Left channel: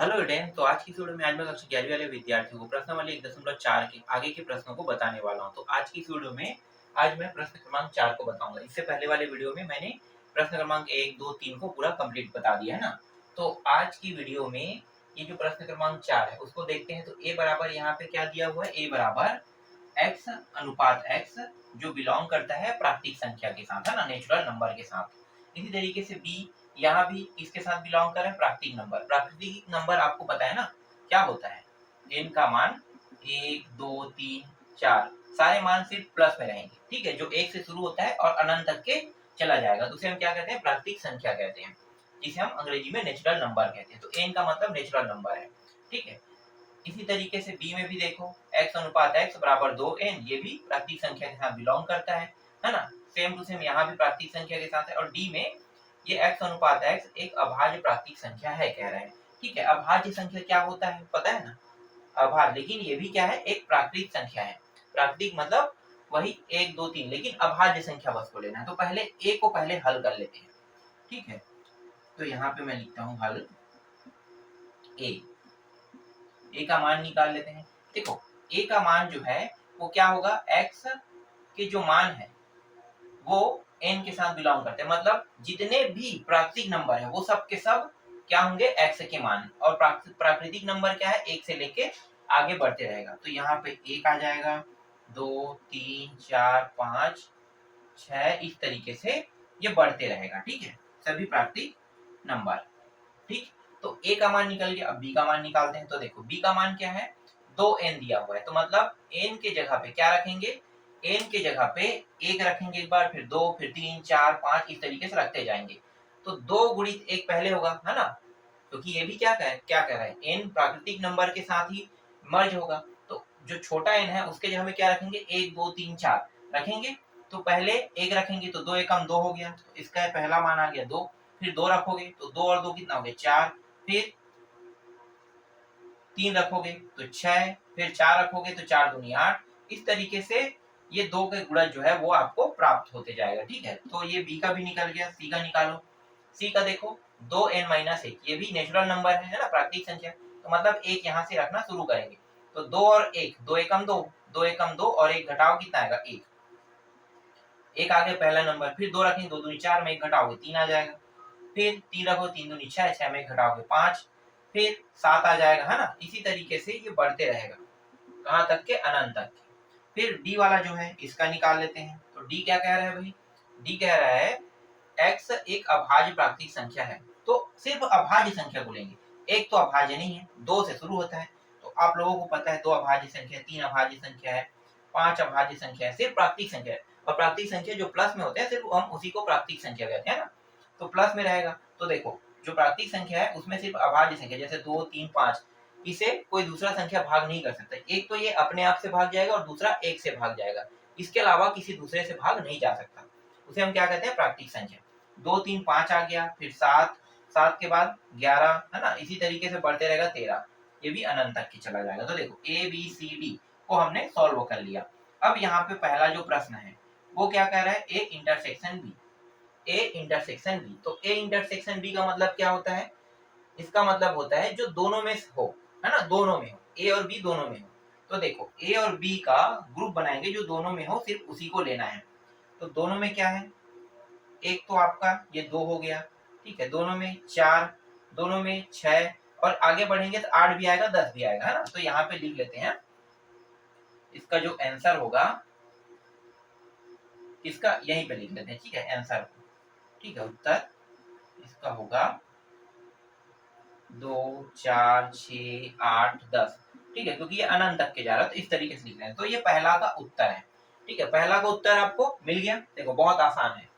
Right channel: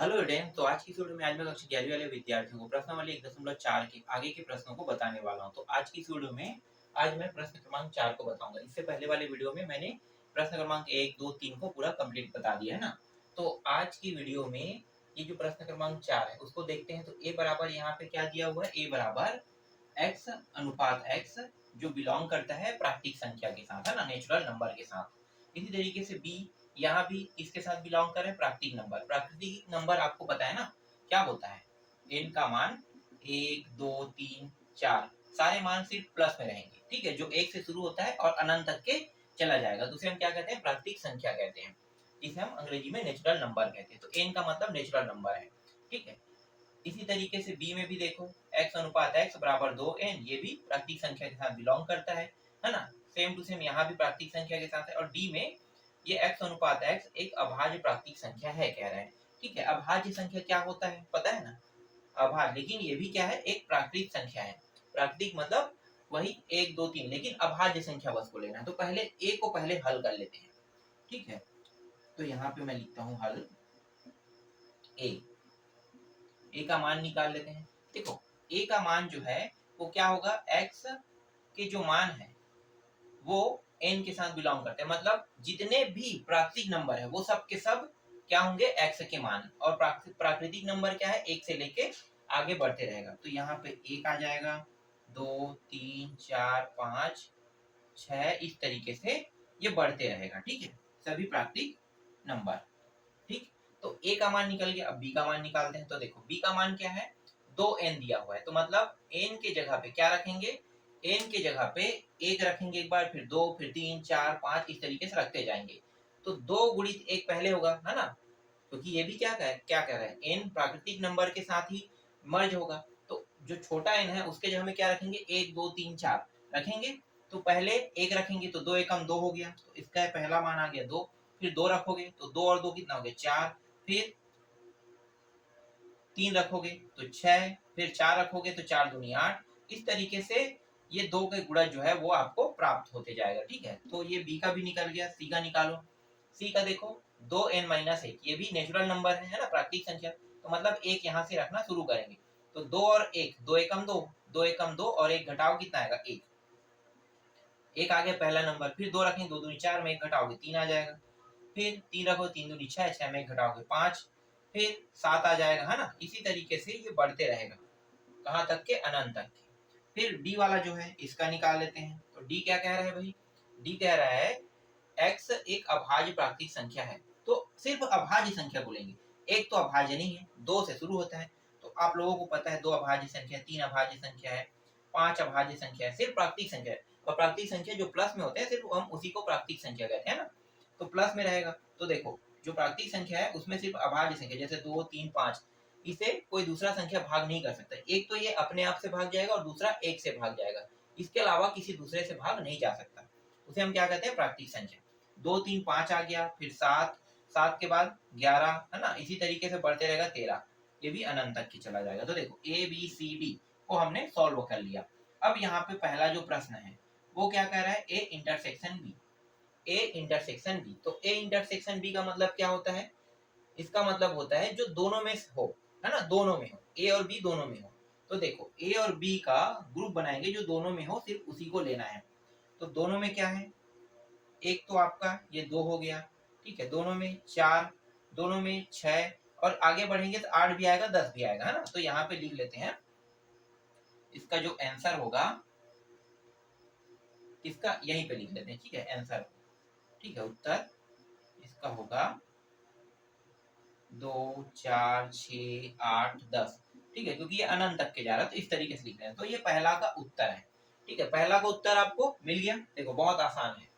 Hello student, तो आज की इस वीडियो में आज मैं कक्षा 11वीं वाले विद्यार्थियों को प्रश्नावली 1.4 के आगे के प्रश्नों को बताने वाला हूं। तो आज की इस वीडियो में आज मैं प्रश्न क्रमांक 4 को बताऊंगा। इससे पहले वाले वीडियो में मैंने प्रश्न क्रमांक 1, 2, 3 को पूरा कंप्लीट बता दिया है ना। तो आज की वीडियो में ये जो प्रश्न क्रमांक 4 है उसको देखते हैं। तो ए बराबर यहाँ पे क्या दिया हुआ है, ए बराबर एक्स अनुपात एक्स जो बिलोंग करता है प्राकृतिक संख्या के साथ, है ना, नेचुरल नंबर के साथ। इसी तरीके से बी यहाँ भी इसके साथ बिलोंग कर रहा है प्राकृतिक नंबर। प्राकृतिक नंबर आपको पता है ना क्या होता है, एन का मान 1, 2, 3, 4 सारे मान सिर्फ प्लस में रहेंगे, ठीक है, जो एक से शुरू होता है और अनंत तक के चला जाएगा, तो उसे हम क्या कहते हैं, प्राकृतिक संख्या कहते हैं, जिसे हम अंग्रेजी में नेचुरल नंबर कहते हैं। तो एन का मतलब नेचुरल नंबर है, ठीक है। इसी तरीके से बी में भी देखो, x अनुपात x बराबर 2n, ये भी प्राकृतिक संख्या के साथ बिलोंग करता है ना। सेम टू सेम यहाँ भी प्राकृतिक संख्या के साथ है। और डी में ये x अनुपात x एक अभाज्य प्राकृतिक संख्या है कह रहे हैं, ठीक है। अभाज्य संख्या क्या होता है पता है ना, अभाज्य, लेकिन ये भी क्या है, एक प्राकृतिक संख्या है। प्राकृतिक मतलब वही 1, 2, 3, लेकिन अभाज्य संख्या बस को लेना है। तो पहले ए को पहले हल कर लेते हैं, ठीक है। तो यहाँ पे मैं लिखता हूँ हल ए, ए का मान निकाल लेते हैं। देखो ए का मान जो है वो क्या होगा, एक्स के जो मान है वो एन के साथ बिलोंग करते हैं, मतलब जितने भी प्राकृतिक नंबर है वो सब के सब क्या होंगे, एक्स के मान। और प्राकृतिक नंबर क्या है, एक से लेके आगे बढ़ते रहेगा। तो यहाँ पे एक आ जाएगा, 2, 3, 4, 5, 6, इस तरीके से ये बढ़ते रहेगा, ठीक है, सभी प्राकृतिक नंबर, ठीक। तो ए का मान निकल गया। अब बी का मान निकालते हैं। तो देखो बी का मान क्या है, 2n दिया हुआ है, तो मतलब n के जगह पे क्या रखेंगे, n के जगह पे एक रखेंगे एक बार, फिर 2, फिर 3, 4, 5, इस तरीके से रखते जाएंगे। तो 2 गुणित 1 पहले होगा, है ना, क्योंकि ये भी क्या कह रहा है, n प्राकृतिक नंबर के साथ ही मर्ज होगा। तो जो छोटा n है उसके जगह में क्या रखेंगे, 1, 2, 3, 4 रखेंगे। तो पहले एक रखेंगे तो 2 एकम 2 हो गया, तो इसका पहला मान आ गया 2। फिर 2 रखोगे तो 2 और 2 कितना हो गया, 4। फिर 3 रखोगे तो 6, फिर 4 रखोगे तो 4 दूनी 8। इस तरीके से ये 2 के गुणज जो है वो आपको प्राप्त होते जाएगा, ठीक है। तो ये बी का भी निकल गया। सी का निकालो। सी का देखो, 2n-1, ये भी नेचुरल नंबर है ना, प्राकृतिक संख्या, तो मतलब एक यहाँ से रखना शुरू करेंगे। तो 2 और 1, 2 एकम 2, 2 एकम 2, और एक घटाओ कितना आएगा, 1। एक आ गया पहला नंबर। फिर 2 रखेंगे, 2 दूनी 4 में एक घटाओगे 3 आ जाएगा। फिर 3 रखो, 3 दूनी 6, 6 में एक घटाओगे 5। फिर 7 आ जाएगा, है ना। इसी तरीके से ये बढ़ते रहेगा, कहाँ तक के, अनंत तक। फिर डी वाला जो है इसका निकाल लेते हैं। तो डी क्या कह रहा है भाई, डी कह रहा है एक्स एक अभाज्य प्राकृतिक संख्या है। तो सिर्फ अभाज्य संख्या को लेंगे, एक तो अभाज्य नहीं है, 2 से शुरू होता है। तो आप लोगों को पता है 2 अभाज्य संख्या है, 3 अभाज्य संख्या है, 5 अभाज्य संख्या है, सिर्फ प्राकृतिक संख्या है। और प्राकृतिक संख्या जो प्लस में होते हैं सिर्फ हम उसी को प्राकृतिक संख्या कहते हैं ना, तो प्लस में रहेगा। तो देखो जो प्राकृतिक संख्या है उसमें सिर्फ अभाज्य संख्या, जैसे 2, 3, 5, इसे कोई दूसरा संख्या भाग नहीं कर सकता। एक तो ये अपने आप से भाग जाएगा और दूसरा एक से भाग जाएगा, इसके अलावा किसी दूसरे से भाग नहीं जा सकता। उसे हम क्या कहते हैं, प्राकृतिक संख्या। 2, 3, 5 आ गया, फिर 7, 7 के बाद 11, है ना, इसी तरीके से बढ़ते रहेगा 13, ये भी अनंत तक की चला जाएगा। तो देखो ए बी सी डी को हमने सॉल्व कर लिया। अब यहाँ पे पहला जो प्रश्न है वो क्या कह रहा है, A intersection B, A intersection B. तो ए इंटरसेक्शन बी का मतलब क्या होता है, इसका मतलब होता है जो दोनों में हो, है ना, दोनों में हो, ए और बी दोनों में हो। तो देखो ए और बी का ग्रुप बनाएंगे जो दोनों में हो, सिर्फ उसी को लेना है। तो दोनों में क्या है, एक तो आपका ये 2 हो गया, ठीक है, दोनों में 4, दोनों में 6, और आगे बढ़ेंगे तो 8 भी आएगा, 10 भी आएगा, है ना। तो यहाँ पे लिख लेते हैं, इसका जो आंसर होगा इसका यहीं पे लिख लेते हैं, ठीक है, आंसर, ठीक है, उत्तर इसका होगा 2, 4, 6, 8, 10, ठीक है, क्योंकि ये अनंत तक के जा रहा है तो इस तरीके से लिख रहे हैं। तो ये पहला का उत्तर है, ठीक है, पहला का उत्तर आपको मिल गया। देखो बहुत आसान है,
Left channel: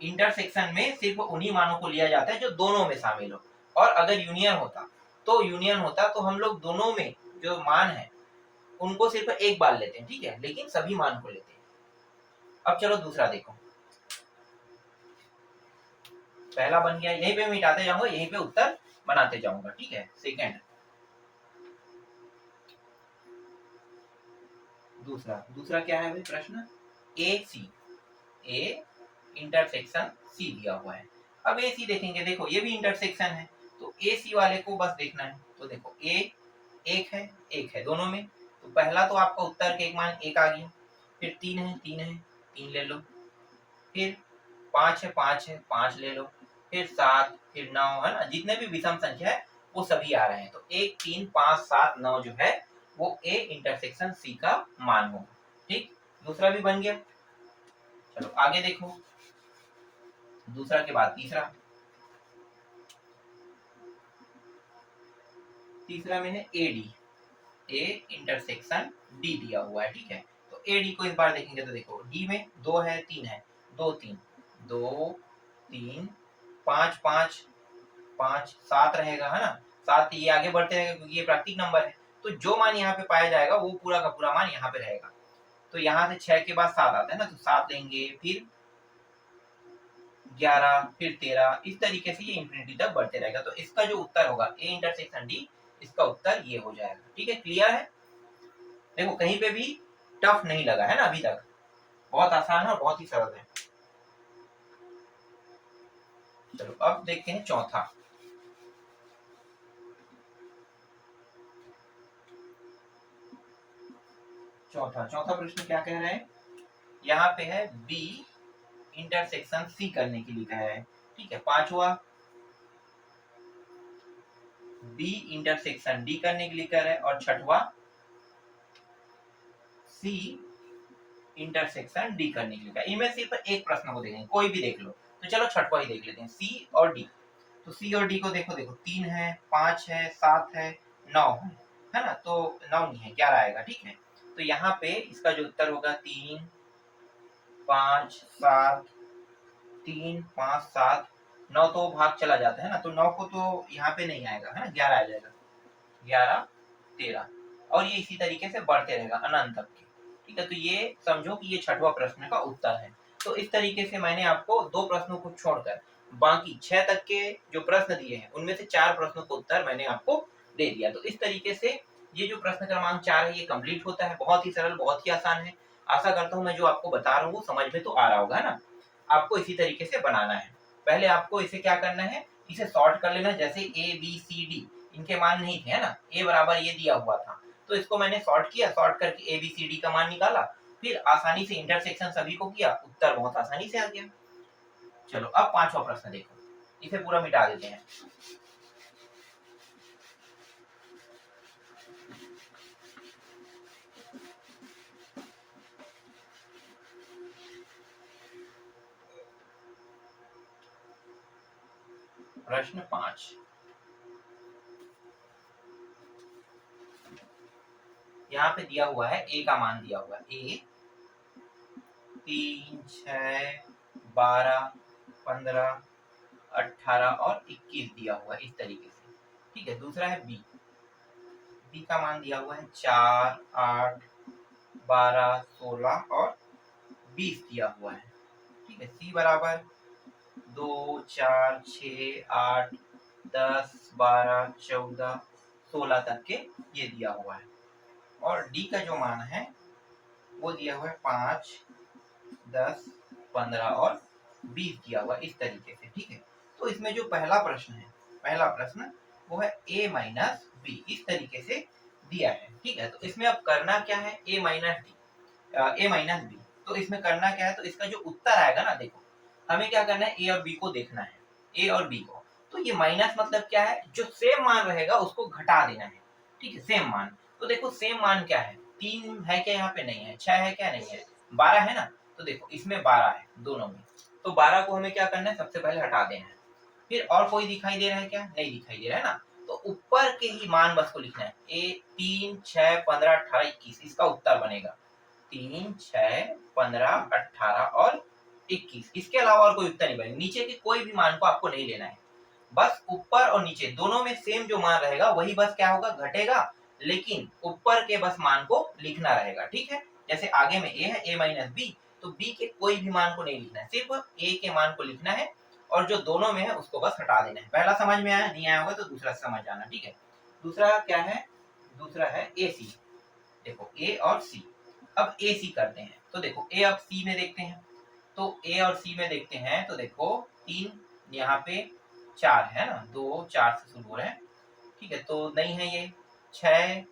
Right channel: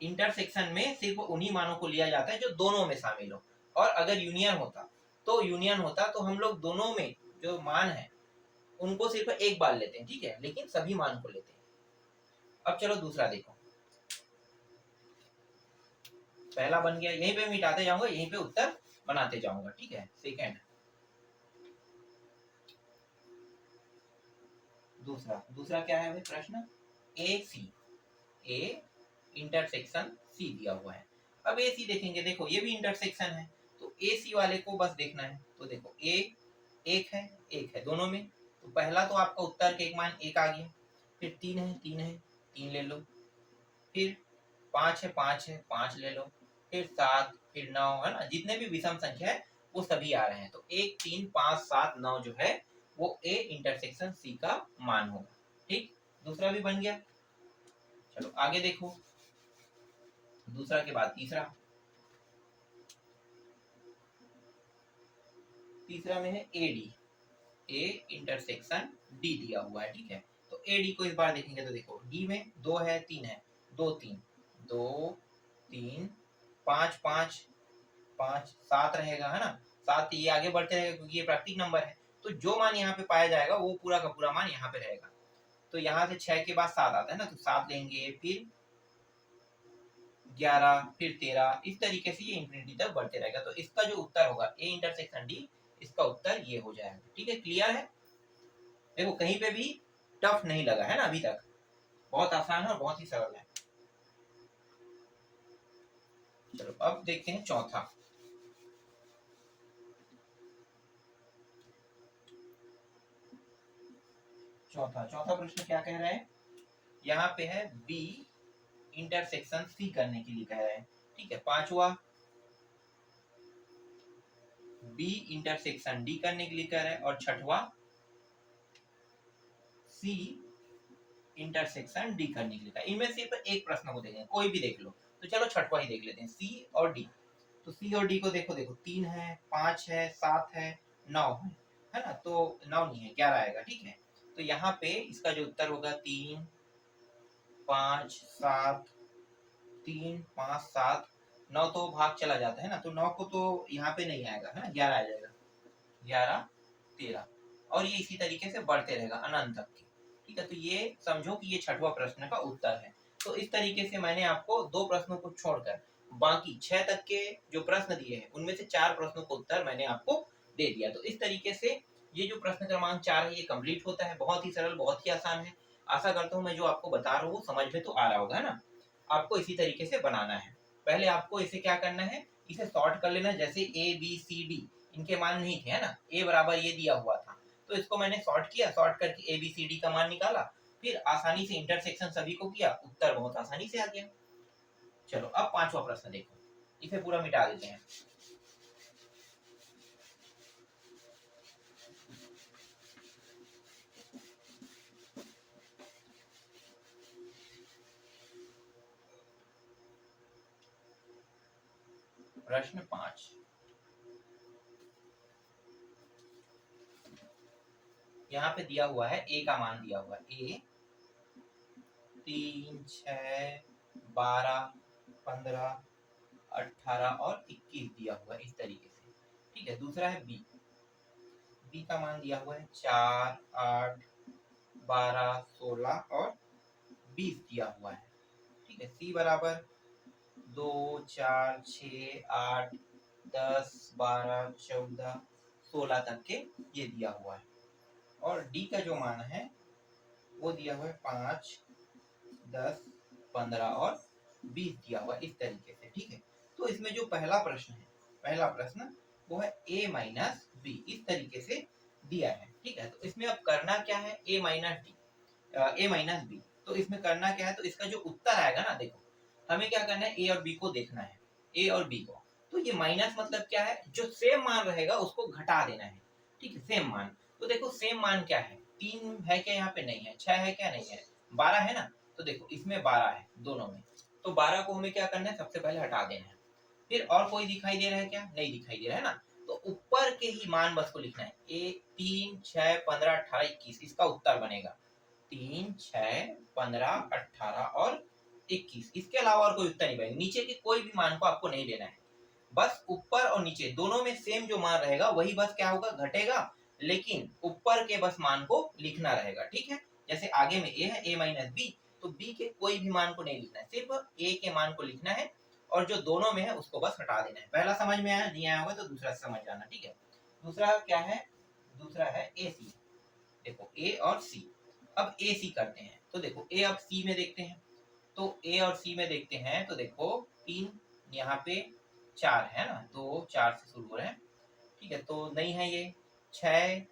इंटरसेक्शन में सिर्फ उन्हीं मानों को लिया जाता है जो दोनों में शामिल हो। और अगर यूनियन होता तो हम लोग दोनों में जो मान है उनको सिर्फ एक बार लेते हैं, ठीक है, लेकिन सभी मान को लेते हैं। अब चलो दूसरा देखो, पहला बन गया, यहीं पे मिटाते जाऊंगा, यहीं पे उत्तर बनाते जाऊंगा, ठीक है। सेकेंड, दूसरा दूसरा क्या है भाई प्रश्न, ए सी, ए इंटरसेक्शन सी दिया हुआ है। अब ए सी देखेंगे, देखो ये भी इंटरसेक्शन है, तो ए सी वाले को बस देखना है। तो देखो ए एक है दोनों में, तो पहला तो आपका उत्तर के एक मान एक आ गया, फिर तीन ले लो, फिर पाँच है पाँच ले लो, फिर सात, फिर नौ, है ना, जितने भी विषम संख्या है वो सभी आ रहे हैं। तो एक तीन पाँच सात नौ जो है वो ए इंटरसेक्शन सी का मान होगा। ठीक, दूसरा भी बन गया। चलो आगे देखो, दूसरा के बाद तीसरा में है A D, A intersection D दिया हुआ है। ठीक है, तो ए डी को इस बार देखेंगे तो देखो डी में दो है तीन है, दो तीन पाँच पाँच पाँच सात रहेगा, है ना, सात ये आगे बढ़ते रहेगा क्योंकि ये प्राकृतिक नंबर है। तो जो मान यहाँ पे पाया जाएगा वो पूरा का पूरा मान यहाँ पे रहेगा। तो यहाँ से 6 के बाद 7 आता है ना, तो 7 लेंगे, फिर 11, फिर 13, इस तरीके से ये इंफिनिटी तक बढ़ते रहेगा। तो इसका जो उत्तर होगा ए इंटरसेक्शन डी, इसका उत्तर ये हो जाएगा। ठीक है, क्लियर है? देखो कहीं पे भी टफ नहीं लगा है ना अभी तक, बहुत आसान है, बहुत ही सरल है। चलो अब देखते हैं चौथा प्रश्न क्या कह रहा है। यहाँ पे है बी इंटरसेक्शन सी करने के लिए कह रहा है। ठीक है, पांचवा बी इंटरसेक्शन डी करने के लिए कह रहा है, और छठवा सी इंटरसेक्शन डी करने के लिए कह रहा है। इनमें सिर्फ एक प्रश्न को देखेंगे, कोई भी देख लो। तो चलो छठवा ही देख लेते हैं, सी और डी। तो सी और डी को देखो 3 है 5 है 7 है 9 है ना, तो 9 नहीं है 11 आएगा। ठीक है, तो यहाँ पे इसका जो उत्तर होगा 3 5 7, 3 5 7 9, तो भाग चला जाता है ना, तो 9 को तो यहाँ पे नहीं आएगा, है ना, 11 आ जाएगा, 11 13, और ये इसी तरीके से बढ़ते रहेगा अनंत तक के। ठीक है, तो ये समझो कि ये छठवां प्रश्न का उत्तर है। तो इस तरीके से मैंने आपको दो प्रश्नों को छोड़कर बाकी 6 तक के जो प्रश्न दिए हैं उनमें से 4 प्रश्नों का उत्तर मैंने आपको दे दिया। तो इस तरीके से ये जो प्रश्न क्रमांक 4 है ये कंप्लीट होता है। बहुत ही सरल, बहुत ही आसान है। आशा करता हूँ मैं जो आपको बता रहा हूँ वो समझ में तो आ रहा होगा, है ना। आपको इसी तरीके से बनाना है। पहले आपको इसे क्या करना है, इसे सॉर्ट कर लेना। जैसे ए बी सी डी इनके मान नहीं थे, है ना, ए बराबर ये दिया हुआ था, तो इसको मैंने सॉर्ट किया, सॉर्ट करके ए बी सी डी का मान निकाला, फिर आसानी से इंटरसेक्शन सभी को किया, उत्तर बहुत आसानी से आ गया। चलो अब पांचवा प्रश्न देखो, इसे पूरा मिटा देते हैं। प्रश्न 5, यहाँ पे दिया हुआ है ए का मान दिया हुआ है, ए 3 6 12 15 18 और 21 दिया हुआ है इस तरीके से। ठीक है, दूसरा है बी, बी का मान दिया हुआ है 4 8 12 16 और 20 दिया हुआ है। ठीक है, सी बराबर 2 4 6 8 10 12 14 16 तक के ये दिया हुआ है, और डी का जो मान है वो दिया हुआ है 5 10 15 और 20 दिया हुआ इस तरीके से। ठीक है, तो इसमें जो पहला प्रश्न वो है a माइनस बी, इस तरीके से दिया है। ठीक है, तो इसमें अब करना क्या है, a माइनस बी, तो इसमें करना क्या है, तो इसका जो उत्तर आएगा ना, देखो हमें क्या करना है, ए और बी को देखना है, ए और बी को। तो ये माइनस मतलब क्या है, जो सेम मान रहेगा उसको घटा देना है। ठीक है, सेम मान, तो देखो सेम मान क्या है, 3 है क्या, यहाँ पे नहीं है, 6 है क्या, नहीं है, 12 है ना, तो देखो इसमें 12 है दोनों में, तो 12 को हमें क्या करना है, सबसे पहले हटा देना है। फिर और कोई दिखाई दे रहा है क्या, नहीं दिखाई दे रहा है ना, तो ऊपर के ही मान बस को लिखना है, ए 3 6 15 18 21, इसका उत्तर बनेगा 3 6 15 18 और 21। इसके अलावा और कोई उत्तर नहीं बनेगा, नीचे के कोई भी मान को आपको नहीं लेना है, बस ऊपर और नीचे दोनों में सेम जो मान रहेगा वही बस क्या होगा, घटेगा, लेकिन ऊपर के बस मान को लिखना रहेगा। ठीक है, जैसे आगे में ए है, ए माइनस बी, तो बी के कोई भी मान को नहीं लिखना है, सिर्फ ए के मान को लिखना है, और जो दोनों में है उसको बस हटा देना है। पहला समझ में आया, नहीं आया होगा तो दूसरा समझ जाना। ठीक है, दूसरा क्या है, दूसरा है ए सी। देखो ए और सी, अब ए सी करते हैं, तो देखो ए अब सी में देखते हैं, तो ए और सी में देखते हैं, तो देखो 3 यहाँ पे 4 है ना, 2 4 से शुरू हो रहे हैं, ठीक है, तो नहीं है ये 6,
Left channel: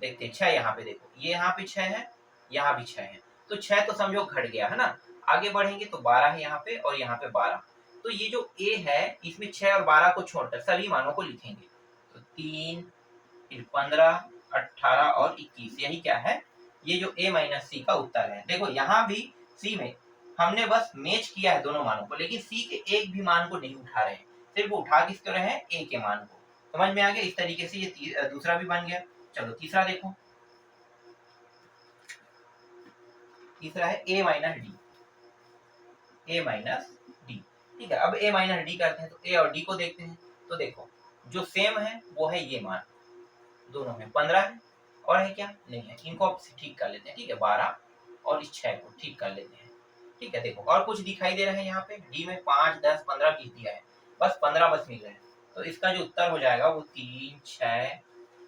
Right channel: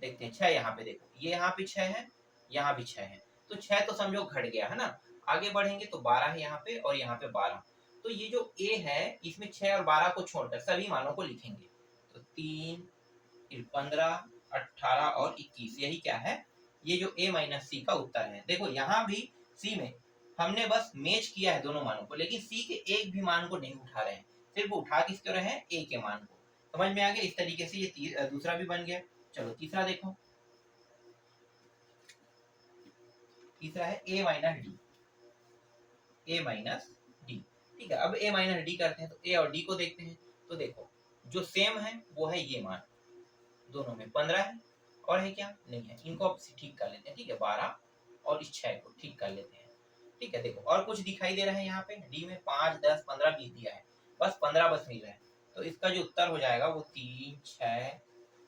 देखते हैं 6 यहाँ पे देखो, ये यहाँ पे 6 है, यहाँ भी 6 है, तो 6 तो समझो घट गया है ना। आगे बढ़ेंगे तो 12 है यहाँ पे और यहाँ पे 12, तो ये जो a है इसमें 6 और 12 को छोड़कर सभी मानों को लिखेंगे, तो 3 फिर 15 18 और 21, यही क्या है, ये जो a माइनस सी का उत्तर है। देखो यहाँ भी c में हमने बस मैच किया है दोनों मानों को, लेकिन c के एक भी मान को नहीं उठा रहे हैं, सिर्फ उठा किसके रहे हैं, a के मान को। समझ में आ गया, इस तरीके से ये दूसरा भी बन गया। चलो तीसरा देखो, तीसरा है a minus D, a minus D, ठीक है। अब a माइनस डी करते हैं तो a और d को देखते हैं, तो देखो जो सेम है वो है ये मान, दोनों में 15 है, और है क्या, नहीं है, इनको अब ठीक कर लेते हैं, ठीक है, 12 और इस 6 को ठीक कर लेते हैं, ठीक है। देखो और कुछ दिखाई दे रहा है यहाँ पे, डी में 5 10 15 20 दिया है, बस 15 बस मिल रहा है, तो इसका जो उत्तर हो जाएगा वो 3 6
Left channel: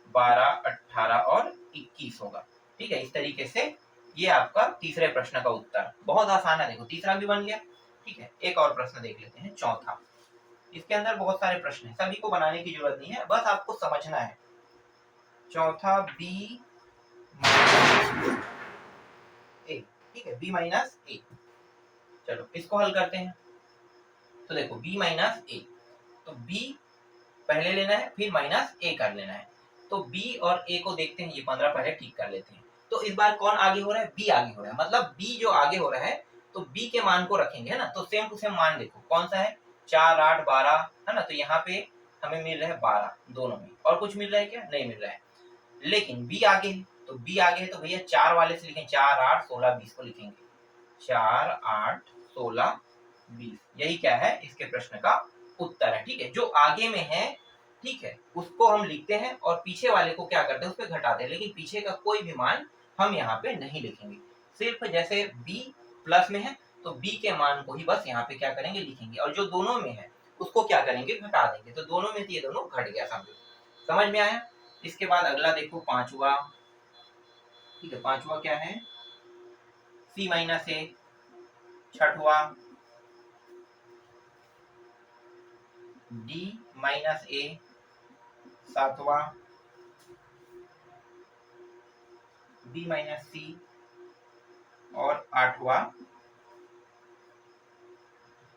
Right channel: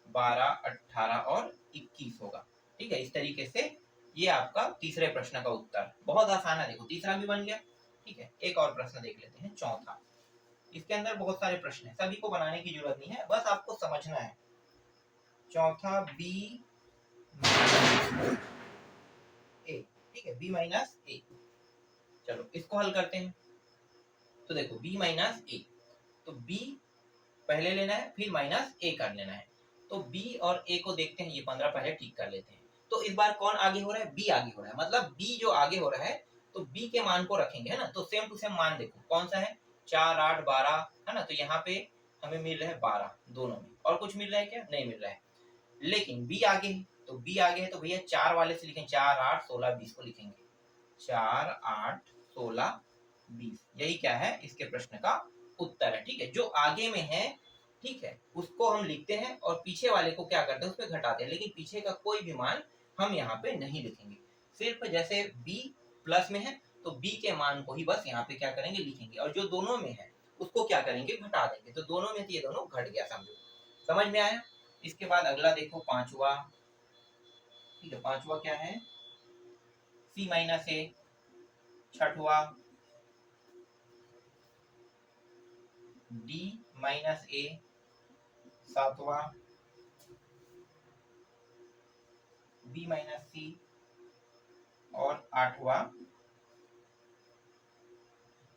12 18 और 21 होगा, ठीक है। इस तरीके से ये आपका तीसरे प्रश्न का उत्तर, बहुत आसान है। देखो तीसरा भी बन गया, ठीक है। एक और प्रश्न देख लेते हैं, चौथा। इसके अंदर बहुत सारे प्रश्न हैं, सभी को बनाने की जरूरत नहीं है, बस आपको समझना है। चौथा b a, ठीक है, b माइनस a। चलो इसको हल करते हैं, तो देखो b माइनस a, तो b पहले लेना है फिर माइनस a कर लेना है, तो b और a को देखते हैं, ये 15 पहले ठीक कर लेते हैं। तो इस बार कौन आगे हो रहा है, b आगे हो रहा है, मतलब b जो आगे हो रहा है तो b के मान को रखेंगे, है ना। तो सेम टू सेम मान देखो कौन सा है, 4 8 12, है ना, तो यहाँ पे हमें मिल रहा है 12 दोनों में, और कुछ मिल रहा है क्या, नहीं मिल रहा है। लेकिन b आगे है, तो b आगे है तो भैया 4 वाले से लिखें, 4 8 16 20 को लिखेंगे, 4 8 16 20, यही क्या है इसके प्रश्न का उत्तर है, ठीक है। जो आगे में है, ठीक है, उसको हम लिखते हैं और पीछे वाले को क्या करते हैं, उस पर घटाते हैं, लेकिन पीछे का कोई भी मान हम यहाँ पे नहीं लिखेंगे, सिर्फ जैसे b प्लस में है तो b के मान को ही बस यहाँ पे क्या करेंगे, लिखेंगे, और जो दोनों में है उसको क्या करेंगे, घटा देंगे, तो दोनों में ये दोनों घट गया, समझो, समझ में आया। इसके बाद अगला देखो पांचवा, ठीक है, पांचवा क्या है, c माइनस ए। छठवा d माइनस ए। सातवा b माइनस सी, और आठवा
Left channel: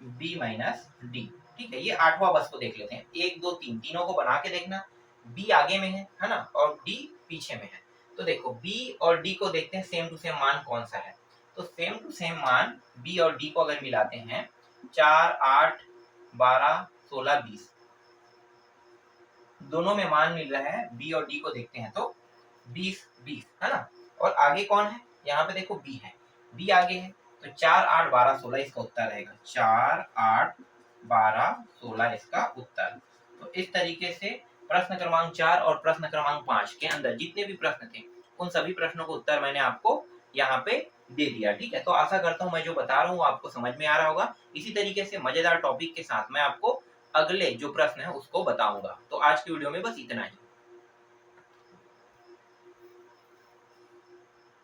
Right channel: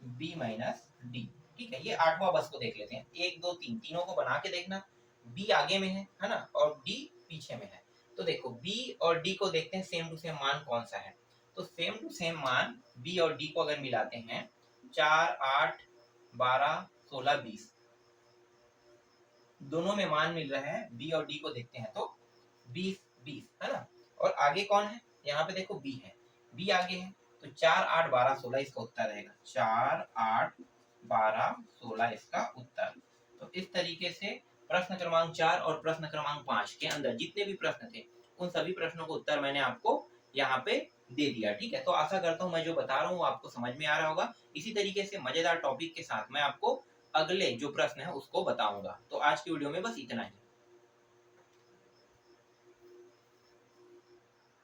b माइनस डी, ठीक है। ये आठवां बस को देख लेते हैं, 1 2 3 तीनों को बना के देखना, b आगे में है ना, और d पीछे में है, तो देखो b और d को देखते हैं सेम टू सेम मान कौन सा है, तो सेम टू सेम मान b और d को अगर मिलाते हैं, 4 8 12 16 20, दोनों में मान मिल रहा है, b और d को देखते हैं तो 20 20, है ना। और आगे कौन है, यहाँ पे देखो b है, b आगे है, तो 4 8 12 16 इसका उत्तर रहेगा, 4 8 12 16 इसका उत्तर। तो इस तरीके से प्रश्न क्रमांक 4 और प्रश्न क्रमांक 5 के अंदर जितने भी प्रश्न थे उन सभी प्रश्नों को उत्तर मैंने आपको यहाँ पे दे दिया, ठीक है। तो आशा करता हूँ मैं जो बता रहा हूँ आपको समझ में आ रहा होगा। इसी तरीके से मजेदार टॉपिक के साथ मैं आपको अगले जो प्रश्न है उसको बताऊंगा। तो आज की वीडियो में बस इतना ही।